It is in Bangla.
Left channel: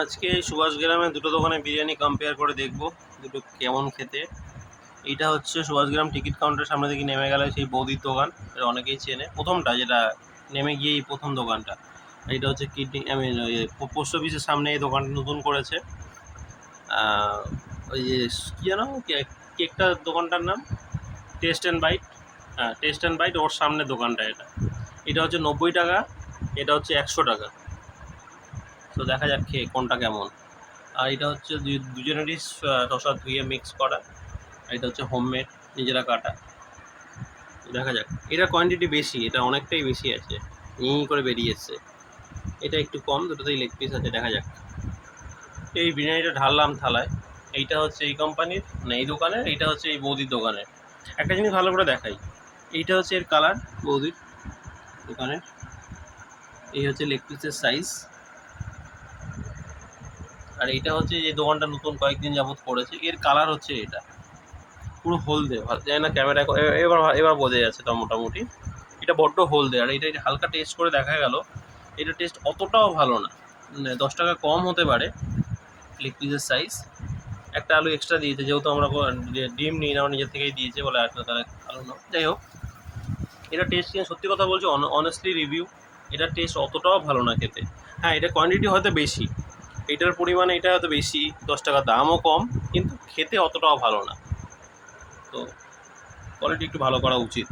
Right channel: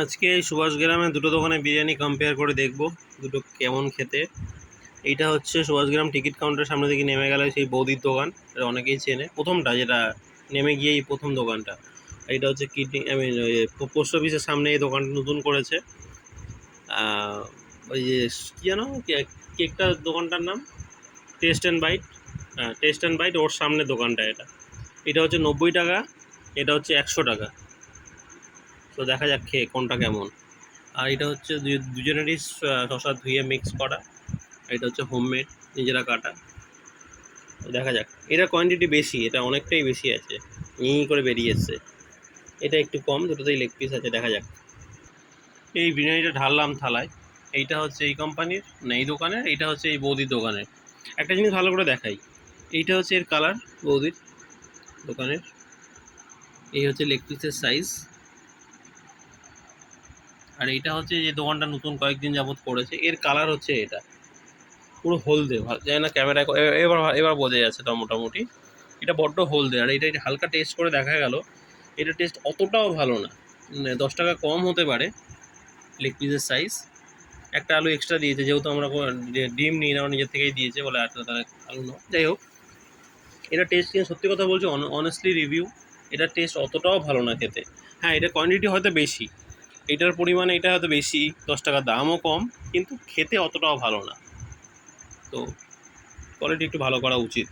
আজকে এই সুভাষগ্রামে দুটো দোকানে বিরিয়ানি কম্পেয়ার করে দেখব দুটো কেমন খেতে। এইটা হচ্ছে সুভাষগ্রাম টিকিট কাউন্টারের সামনে থেকে নেমে গেলে সেই বৌদির দোকান, এটা অনেকেই চেনে, প্রথমটা যেটা নেমে গিয়েই প্রথম দোকানটা। এইটা হচ্ছে কিডনি পোস্ট অফিসের সামনে এই দোকানটা নতুন করেছে। ওই যে কী যেন কেকটা দোকানটার নাম টেস্ট অ্যান্ড বাইট। হ্যাঁ, টেস্ট অ্যান্ড বাইট, ওর সামনে দোকানটা এটা। এটা হচ্ছে 90 টাকা, এটা হচ্ছে 100 টাকা। তো দেখা যাক খেয়ে কোনটা কেমন। আর এটা হচ্ছে দুজনেরই শসা ধুয়ে মিক্স করা। এটা হচ্ছে হোমমেড, নিজেরা কাটা। তো দেখা যাক, এটা কোয়ান্টিটি বেশি, এটা অনেকটাই বেশি আছে, করে বেরিয়ে এসছে। এটা একটু কম, দুটোতেই লেগ পিস আছে। দেখা যাক। এই বিরিয়ানিটা ঢাললাম থালায়। এইটা হচ্ছে এই কোম্পানির, না এই দোকানের, এইটা হচ্ছে এই বৌদির দোকানের। একটা জিনিস ভালো করে দেখাই, এইটা হচ্ছে এর কালার বৌদির দোকানের। এই হচ্ছে লেগ পিসের সাইজ। আর এইটা হচ্ছে যে দোকানটা নতুন কয়েকদিন যাবত করেছে, এর কালার হচ্ছে এটা পুরো হলদে। জানি না ক্যামেরা এবার এবার বোঝা যাচ্ছে তো মোটামুটি। এটা বড্ড হলদে। আর এটা হালকা টেস্ট করে দেখা গেল, এটা টেস্ট অতটাও ভালো না। 10 টাকা কম হতে পারে লেগ পিসের সাইজ। একটা আলু এক্সট্রা দিয়েছে, যেহেতু আমরা ডিম নিই না, আমরা নিজের থেকেই দিয়েছে বলে একটা তারা আলু না। যাই হোক, এটা টেস্ট কিন্তু সত্যি কথা বলছি, অনেস্টলি রিভিউ, এটা টেস্ট অতটাও ভালো না খেতে। হ্যাঁ, এটা কোয়ান্টিটি হয়তো বেশি, এটার পরিমাণে এটা হয়তো বেশি, 10 টাকা দামও কম, কিন্তু খেতে অতটাও ভালো না। তো কোয়ালিটি একটু ভালো করা উচিত।